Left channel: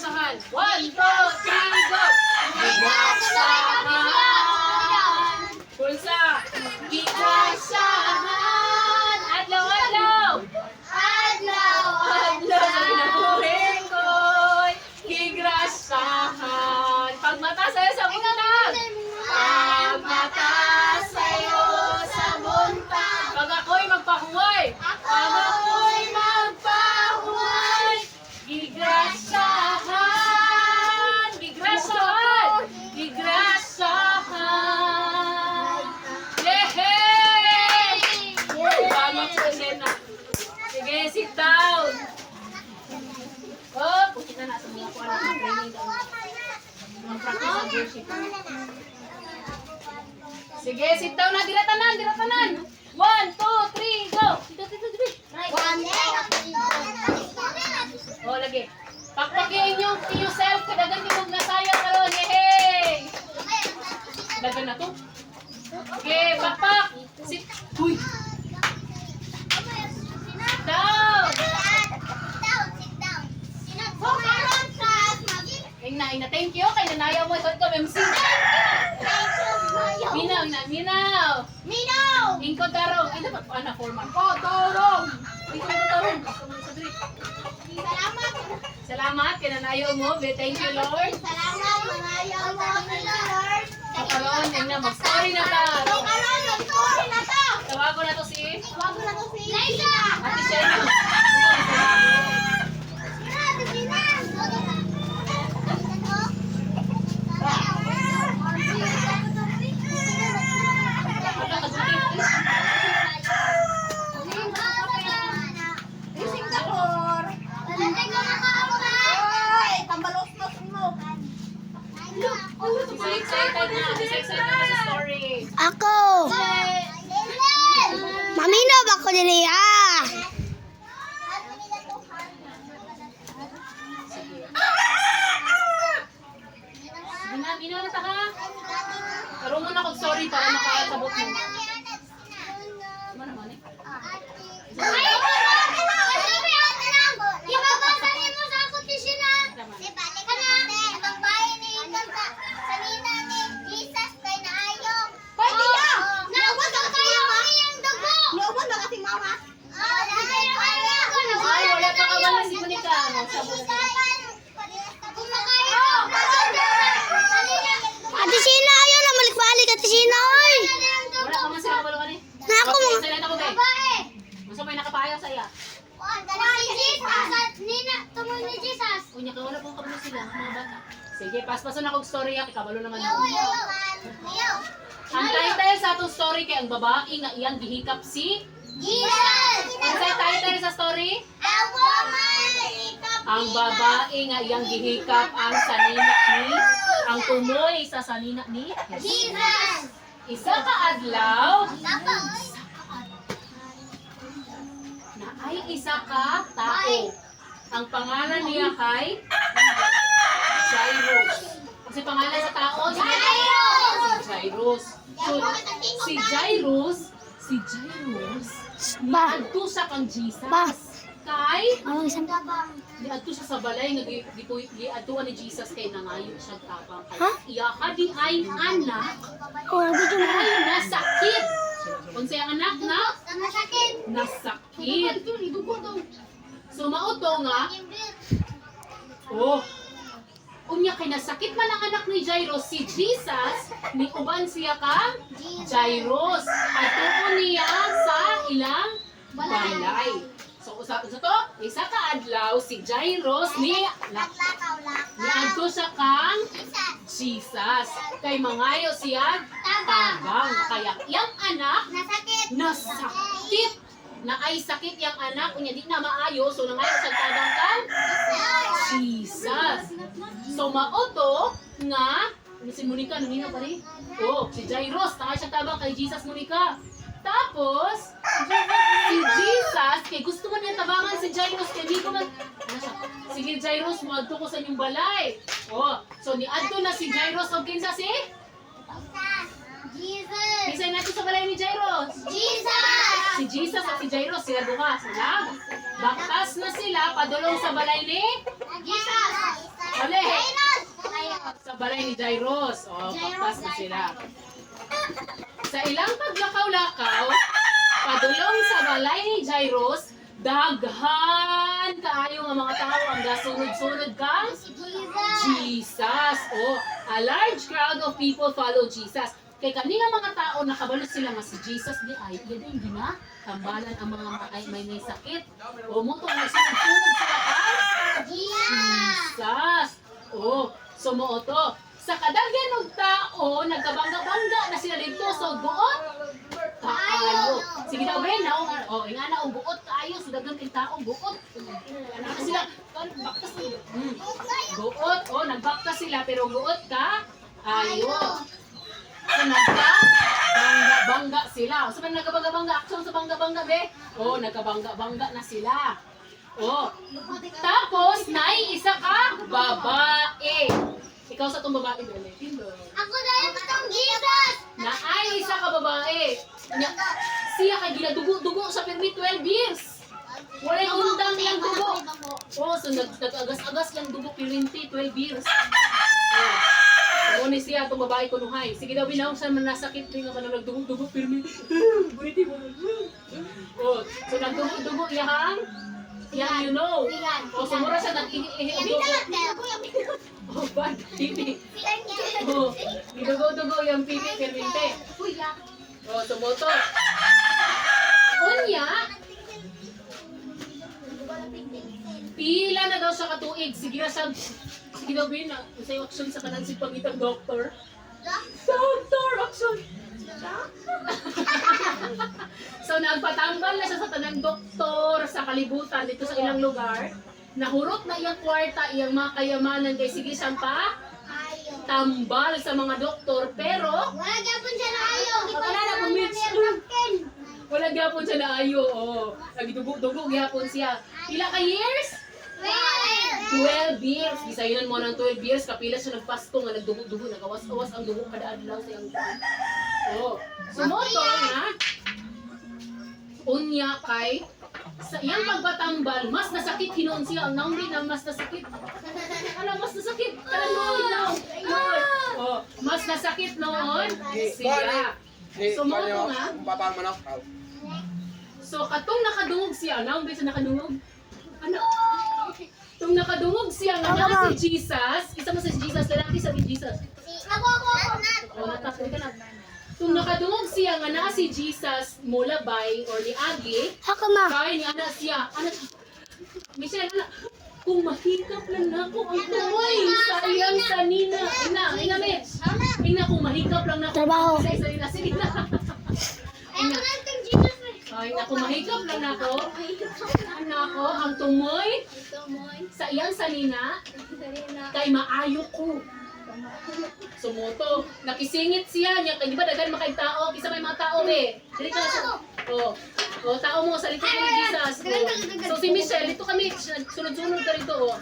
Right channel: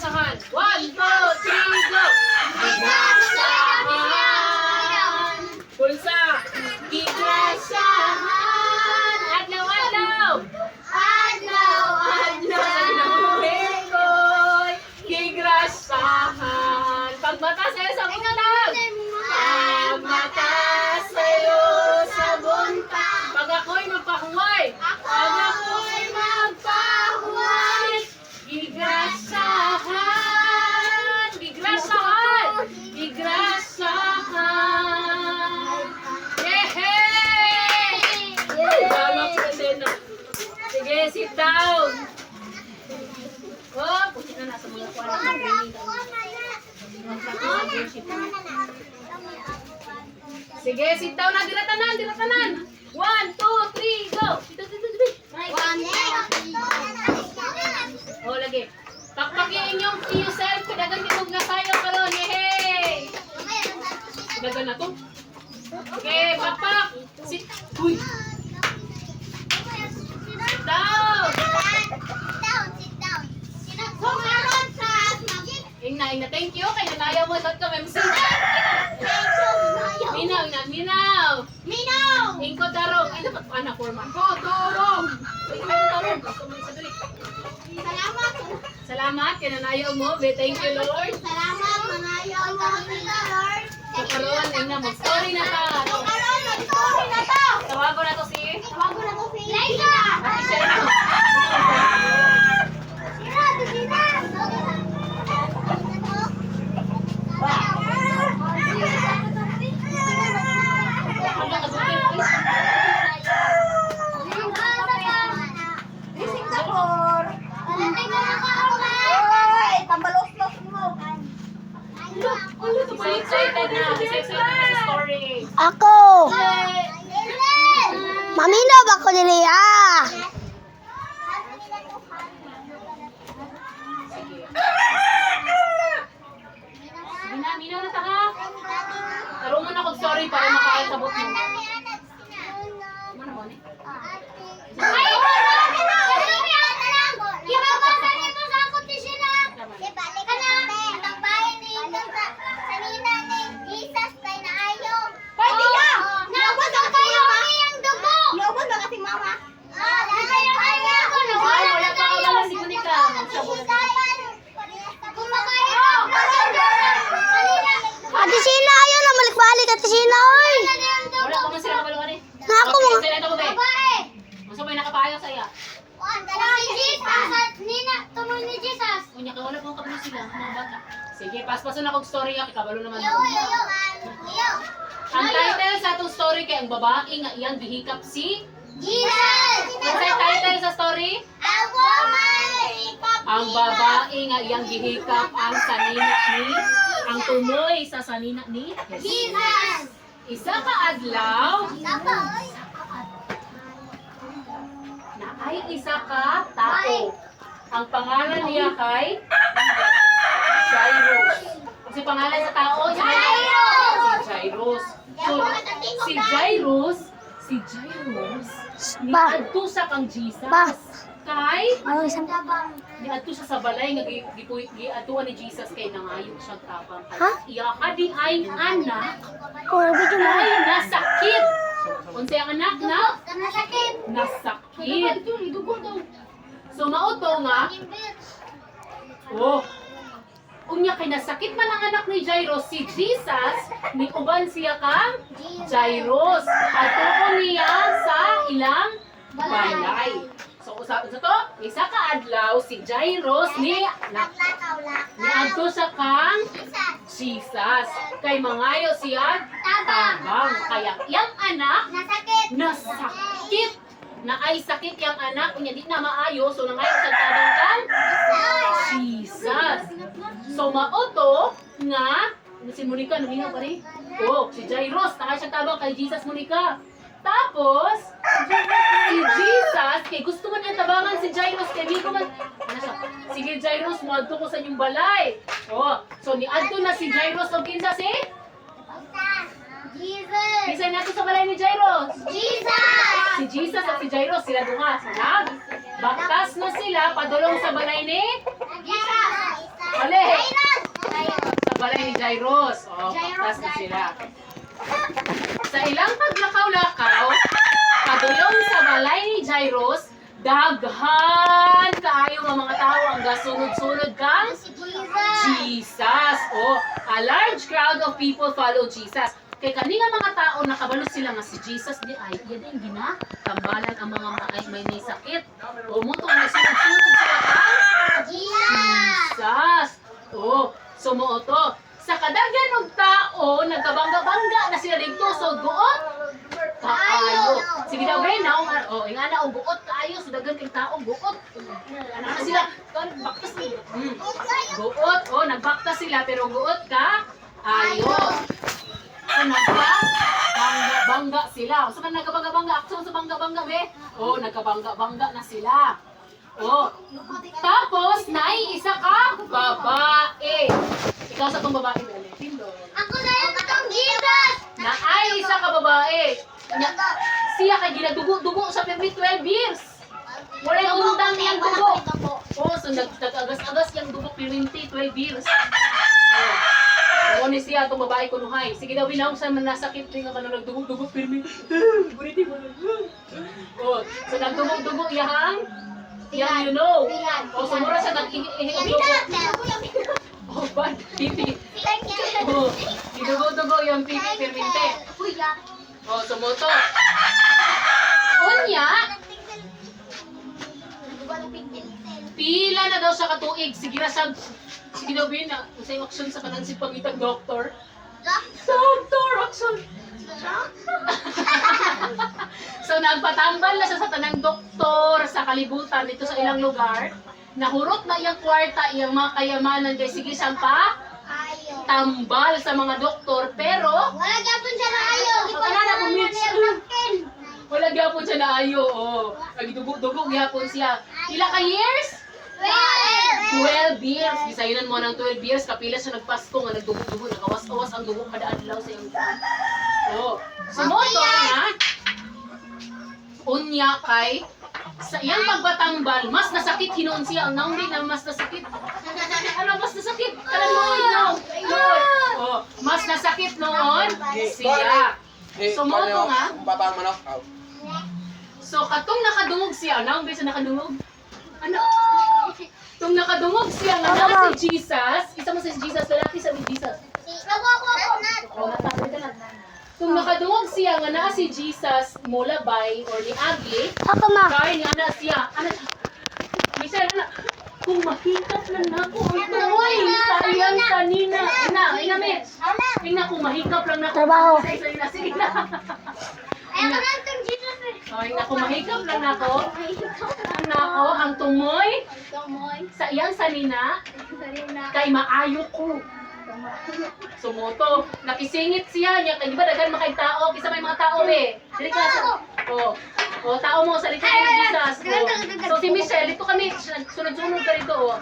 gigrasahan. 1, 2, 3, go! Gigrasahan. Pulsa. Gigrasahan. Adlaw-adlaw. Adlaw-adlaw. Sa kinabuhin ko'y gigrasahan. Pagmata sa'yo sa buntag. Pagmata sa'yo sa buntag. Pag ako'y magpahuway. Pag ako'y magpahuway. Gigrasahan. Gigrasahan. Gigrasahan. Yehey! Salamat sa Sena. Sige, sit down. Oh, puti na nasa mga kuwan ng training. Mag-practice ng worship. Sige, sit down na. Diratanan, diratanan. 1, 2, 3, go. Dito, dito, dito. Oh, lagi. Pakpakin yung yourself. Kadagan yung magnasayaw karon. Yehey! Dagan na to. Sige, pakpak. Sit. Uy. Sit down. Ina, thank you. Kay nanayaw mo sa MC. Minaw, ina, minaw. Ingko tarong. Ina, anak forman. Tarong. Ingko tarong. Salamat. Kay nanayaw mo. Thank you, Lord. So, karon, ina, mag-story na ta. Tawago na to si Ate Sherry. Excited na. Excited na sa story. Ako! Maminaw ba ko dili ah? Minaw na ta ha. Tarong mo na kong story para makakasabot mo. Mana mo ni? Wala pa kawala si Monica. Ate Sina, ayaw na balik-balik Ate Sina, oy! Wala pa man sila kabalo ni. Ako mo. Sila na ko ba? Unsa may nakapayo sa iya? Unya ka wala pa kabalo sila mga bata. Sige, paspason na kog story ya kabalo naman. Ang title sa atong story kay ang babae nga iyang gihikap si Ang title sa story? Ang babae nga iyang gihikap ang sanina ni ang tumoy sa sanina ni Jesus. Isa ka adlaw na ay isa ka tao. Ang pangalan niya kay Jairus. Kasi pangalan sa tao si Jairus. So, si Jairus niadto sa kang Jesus. Kay Ano isang niadto siya sa balay nga giadtuan ni Jesus kay nangayo siya tapang. Iya ka di ay anak Oh, nabidyo mo. ay nasakit. Unsa ang anak na? Nasakit. So mauto nga unya kay nasakit man ang anak ni Jairus si Jesus ni uban siya ka Jairus atuon niya sa ilang balay. So usa to isa ka adlaw si Jairus niadto sa kang Jesus kay mangayo siya tabang kaya iyang anak nasakit na ay sakit yang anak unya di na maayo so nangayo sa tabang kang Jesus. So mauto nga si Monica numino pa rin. Si Jairus nakay siya tabang kay Jesus Monica. Tapos si Jesus kay gusto man niya tabangan si Jairus kay di ko man sige Jairus mo adto ko sa inyong balay. So niadto na si Jairus og kinsa si Jesus! Kinsa nato sa balay ni Jairus? Jesus! Si Jesus at si Jairus sila duha. Baktas na sila padulong sa balay ni Jesus! Mali! Sa balay ni Jairus. O, paktas na sila. Sa ilang paglakaw-lakaw, padulong sa balay ni Jairus, daghan kaayo nga mga tao ang gasunod-sunod kang Jesus. Oh, a large crowd of people follow Jesus. Kay kani nga mga tao nakabalo sila nga si Jesus di ay gid gina tambalan ang mga may sakit. O mo tong sunod-sunod sila kang Jesus. Oh, sumo to. Sa kadaghan og tao nagkabangga-bangga na sila dito so buot kaayo. Sige daw ben naong ingana og buot kaayo so daghan kay tao buot. Ana na sila kan baktas ni. Buot nagbaktas sila pero buot ka ayo. So bangga sila. Sa man nagkabangga-bangga, aksyon sa bangga-bangga be. Nagkabangga-bangga na sila. Tapos nay isa ka babae. Ikaw sa tong babae be. Ako na yung katong Jesus! Na ay isa ka babae. Siya kay ginadugo-dugo sa permit 12 years. Wala yung undang niyang dugo. So nag-agas-agas yung dugo pirinti 12 years. Ni siya itong babae ko nuhay. Sige daw binaw sa man nasakit rin nga kanang nagdugo-dugo pirmi. Buniti mo. So nagdugo-dugo iyahang you know. Sumura siya nag-ihi-dugo. Bad pipi. Idugo-dugo yung pipi pirminte. Sumoto. Unya, pila na daw siya katuig. Sige daw bin na sa action sa kanan si pangitag doktor. Doktor action. So nagpatambal na siya sa tanang doktor sa kalibutan dito sa ilang lugar. Nahurot na iyang kwarta, iyang mga kayamanan kay sige siyang pa tambal sa mga doktor pero Wala gyapon siya na ayo. wala gyapon siya na ayo. Nagdugo-dugo gyapon siya. Pila ka years? 12 years. Bisayunan mo ng 12 years kapila siya nagpasko nga nagdugo-dugo, nagawas-awas ang dugo kada adlaw sa iyang tiyan. Sumoto nga unya kay sa iyang pagbatambal, mas nasakit hinuon siya. Ang naong na mas nasakit. Ano mas nasakit? Mas nasakit noon siya. Sumoto nga. So katong nakadungog siya, naong bisa nakadungog? Ano? Tung nakadungog siya nga na si Jesus, isa mo si Jesus, lalaki sa si Jesus. Tung nakadungog siya nga na si Jesus mulabay or ni Agi, kaya ni ana siya, Michelle, kung mahikap lang na ako ang tuloy, sayang sa Nina. Ina, Mitch. Ina, kung mahikap lang na ako. Trabaho. Sige na. Ina, kung mahikap lang na ako. Ang tumoy sa iyang salina, kay maayo ko. Sumoto, nakisingit siya niya, kaya di ba daghan makay tao, kisa may mga tao Dili ka sa, tao mo, salita ko ni Jesus. So si Michelle, dito kami, sunod-sunod ka rito.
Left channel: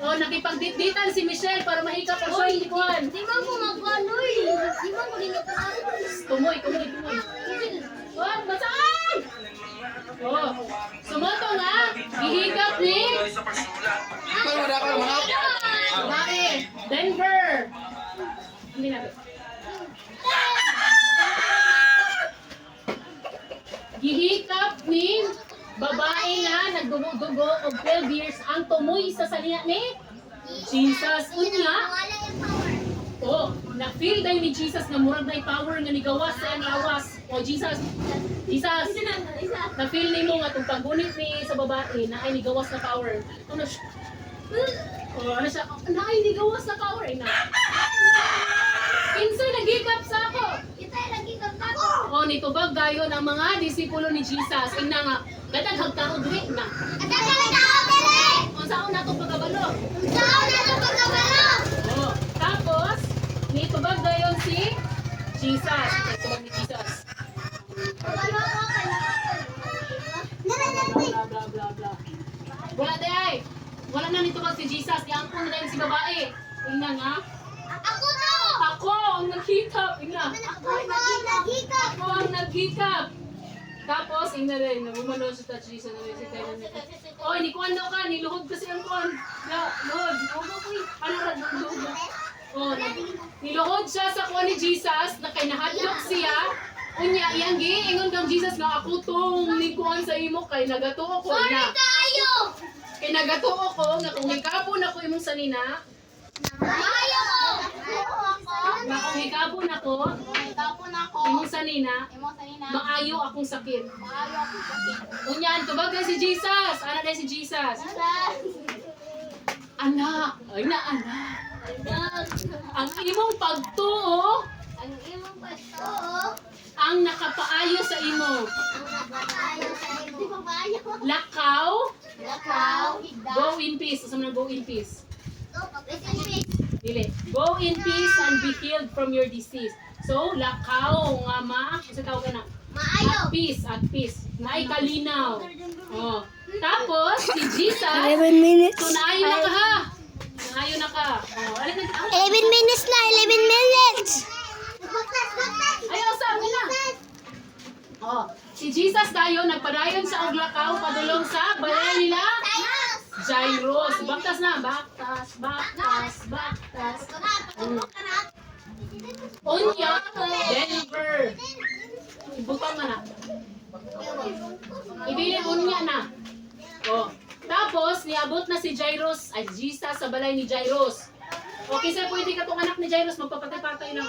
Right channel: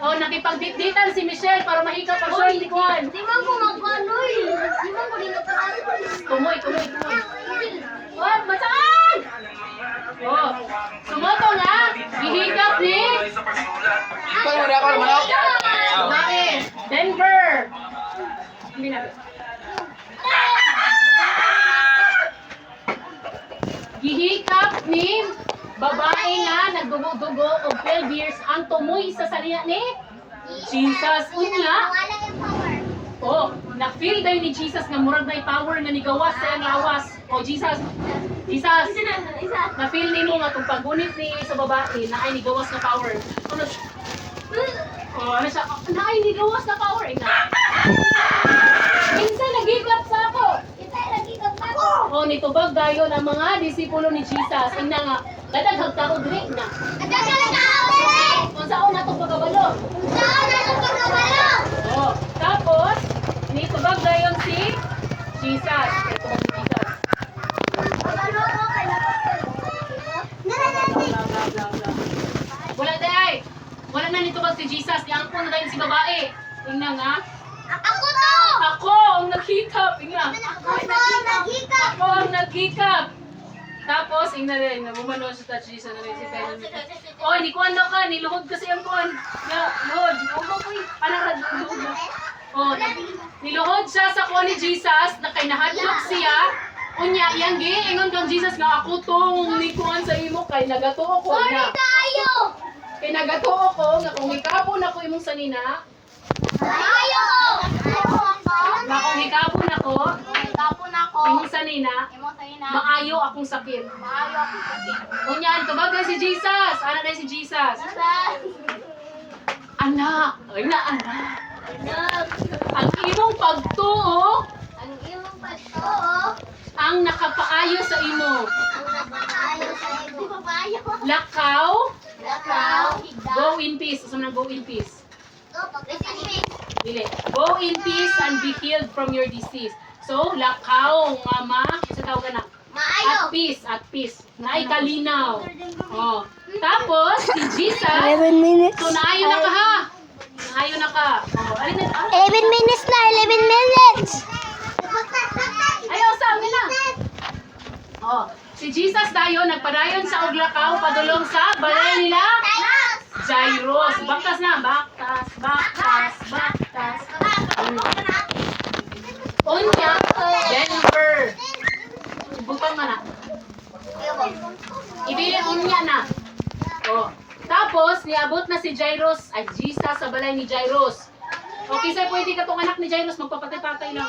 Nakipagdit-ditan si Michelle para mahikap ang short likuan. Di mo ko magkanoy. Di mo ko din Tumoy. What? Basaan! Sumoto nga, ihikap ni Denver. Gihikap ni babae nga nagdugo-dugo og 12 years ang tumoy sa salina ni Jesus. Unya, na-feel daw ni Jesus nga murag na power nga nigawas sa iyang lawas. Jesus, na-feel nimo nga itong paggunit ni sa babae na ay nigawas na power. Ano siya? Na ay nigawas na power. Insay nagigap sa ako. Nitubag gayon ang mga disipulo ni Jesus. Ina nga, gadaghag tao dili na. Unsaon na itong pagkabalo? Tapos, nitubag gayon si Jesus. Nitubag ni Jesus. Wala na nitubag si Jesus. Yang po na tayo si babae. Ina nga. Ako ang naghikap. Ina. Ako ang naghikap. Tapos, ina rin, nabumano sa touch Jesus na rin si Taylor. Oh, hindi kuhan daw ka, niluhod kasi ang kuhan. Luhod, luhod ko eh. Anak, luhod na. Oh, niluhod siya sa kuhan ni Jesus, na kay nahadlok siya. Unya, iyang ingon kang Jesus nga ako tong ni kuhan sa imo kay nagatuo ko na. Kay nagatuo ko nga kung hikapon ako imong sanina. Nga kung hikapon ako imong sanina, maayo akong sakit. Unyan, tubagan si Jesus. Ana na si Jesus. Anak. Ay na, anak. Ang imong pagtuo ang nakapaayo sa imo. Lakaw. Go in peace. Asa man go in peace? Dili. Go in peace and be healed from your disease. So, lakaw nga ma, sa tawag na. At peace, at peace. Naay kalinaw. Oh. Tapos si Jesus, 11 minutes. so naayo na ka ha. Naayo na ka. Oh, alin na. 11 minutes na, 11 minutes. Ayaw sa amin na. Oh, si Jesus dayon nagpadayon sa Oglakaw padulong sa balay nila Jairus. Baktas na, baktas. Unya, Denver. Butang na na. Ibili unya na. Oh. Tapos, niabot na si Jairus, ay Jesus sa balay ni Jairus. Okay, sir, pwede ka tong anak ni Jairus, magpapatay-patay lang.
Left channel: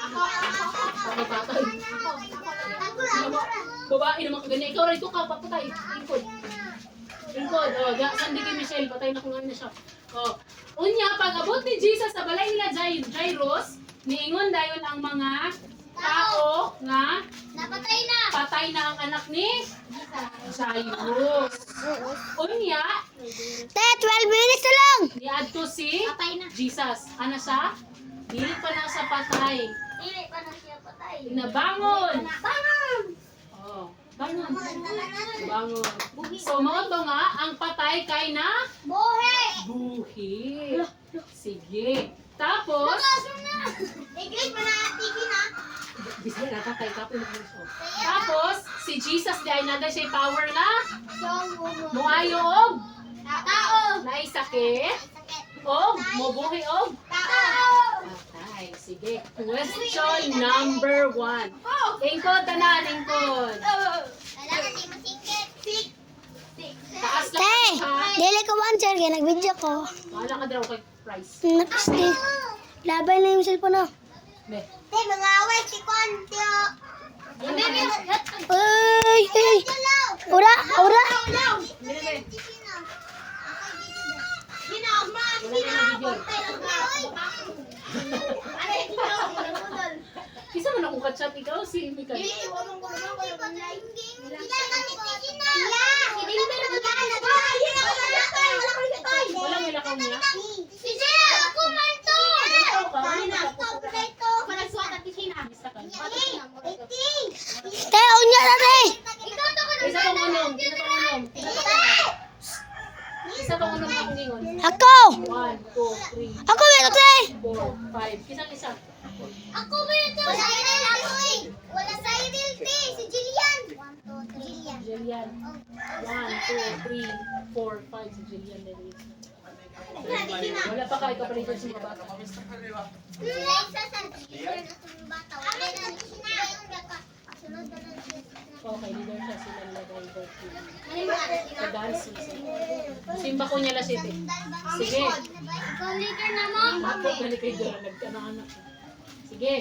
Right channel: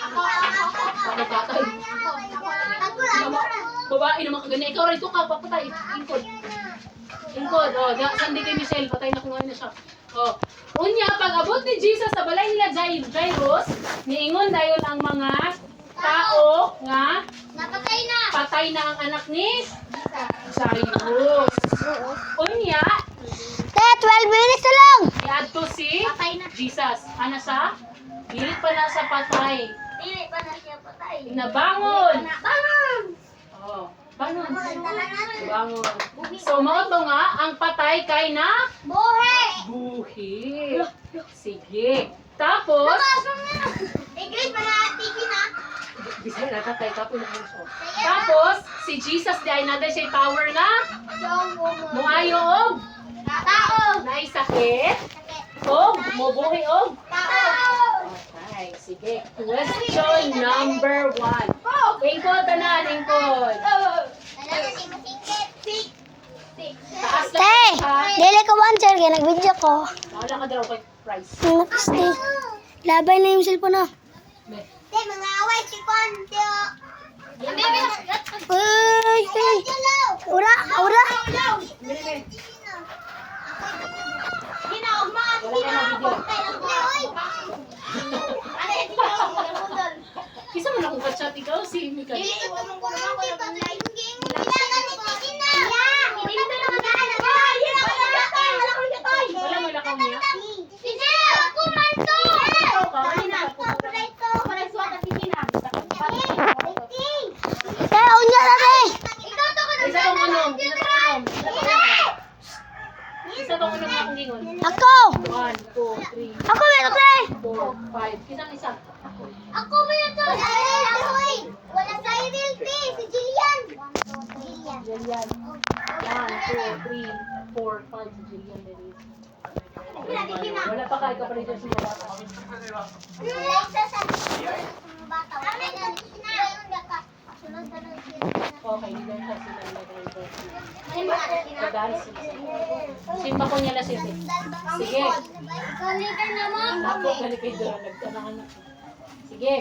Magpapatay. Babae naman kaganya. Ikaw, rito ka, papatay. Ingkod. Oh, sandi kay Michelle, patay na kung ano na siya. Oh. Unya, pag abot ni Jesus sa balay nila Jairus, niingon dayon ang mga tao nga patay na ang anak ni Jairus. Unya, 12 minutes na lang. niadto si Jesus. Ano siya? Dili pa na sa patay. Nabangon. Oh, bangon. So, mao to nga, ang patay kay na buhi. Sige. Tapos, bisa na patay tapos tapos, si Jesus di ay nada siya power na muayo og naay sakit og mubuhi og patay. Sige. Question number 1. Lingkod tanan, lingkod. Taas lang Te, ha. dili ko answer kaya nag-video ko. Wala ka daw kay price. Napiste. Labay na yung cellphone na. Ne. Uy, ura. Wala na video. Kisa man akong kachat ikaw si Mika. Wala may lakaw niya. Kaya unya na te. Isa bang unom? Isa bang unom akong gingon? Ako. 1, 2, 3, Ako meron te. 4, 5. Kisang isa. Jillian. 1, 2, 3, 4, 5. Si Jillian din. Wala pa kayo ka pa rin dyan sa mga bata. Okay, leader siya sila nilagay doon. Sa dancing. Simba ko niya la siya. Sige. Ako balik kayo doon. Nagkananak. Sige.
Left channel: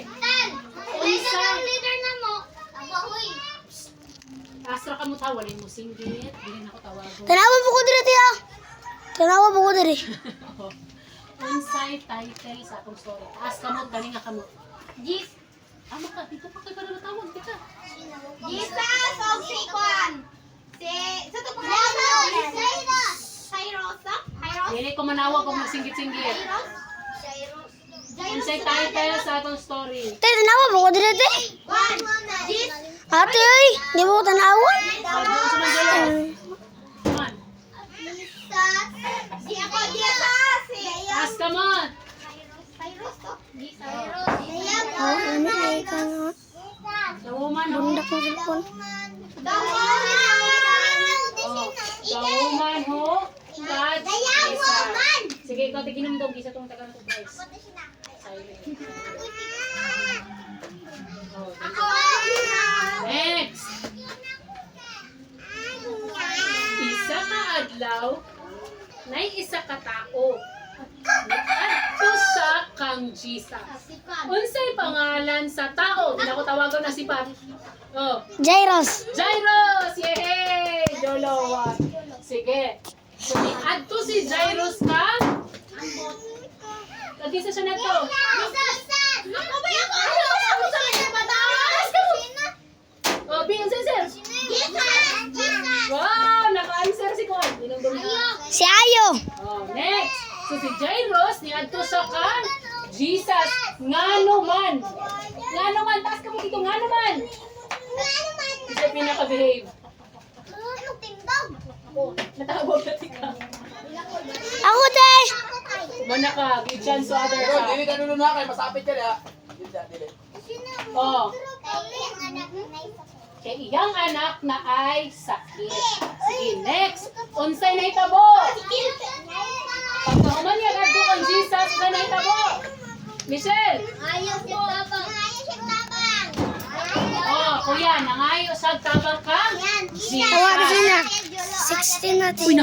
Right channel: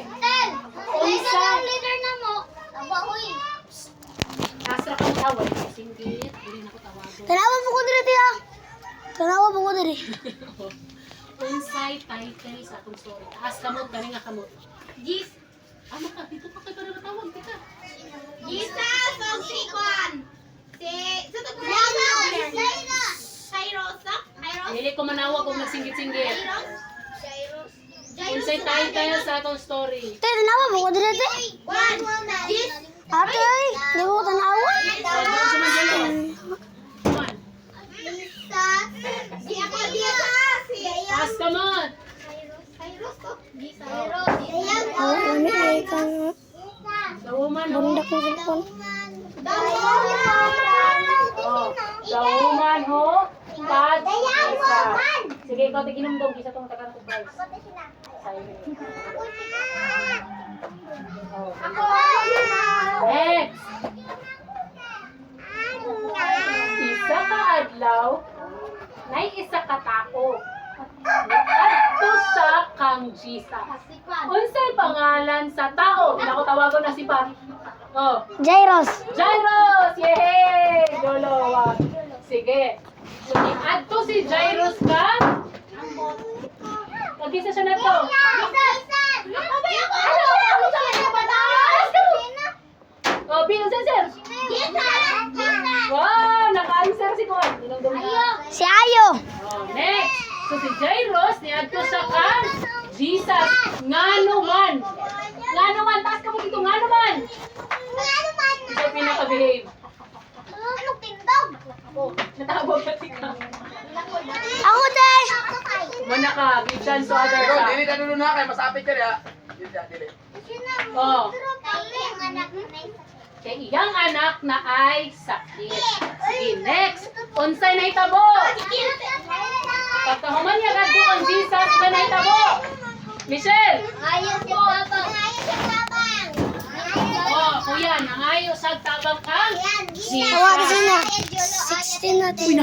Astra ka mo tawal. Singgit. Hindi na ako tawagan. Tanawa po ko dire te. Tanawa po ko dire. Unsay title sa akong story. Taas ka mo. Kani nga ka mo. Ano ka? Dito pa kayo pa namatawag. Dito. Dili ko manawag kung magsinggit-singgit. Unsay title sa akong story. Te, tanawa po ko dire te. Ate, di mo ko tanawa. Come on. Taas ka mo. Oh, lamig ka na. The woman. Bundak ng cellphone. Oh, the woman who touched Jesus. Sige, ikaw tiginom daw. Gisa itong tagang to Bryce. Silent. Oh, next. Isa ka adlaw, nay isa ka tao. Adto sa kang Jesus. Unsay pangalan sa tao? Nako tawagon na si Pa. Oh, Jairus. Jairus! Yehey! Jolo. Sige. So, adto si Jairus ka? Kagisa siya na to. Oh, Bing, sir. Wow, naka-answer si Kon. Si Ayo. Oh, next. So si Jairus ni adto sa kan Jesus ngano man. Ngano man taas ka mo dito ngano man. Isa pinaka-behave. Oh, natawag ka tika. Ako day. Mana ka, give chance to other Pero, ka. dili na nuno na kay masapit ka ya. Dili. Oh, kay iyang anak na ay sakit. Sige, next. Unsay na itabo? Pagkahuman niya gadto kang Jesus, unsay na itabo? Michelle. Oh, kuya, nangayo sa tabang kang Jesus. Tawarin na. 16 natin.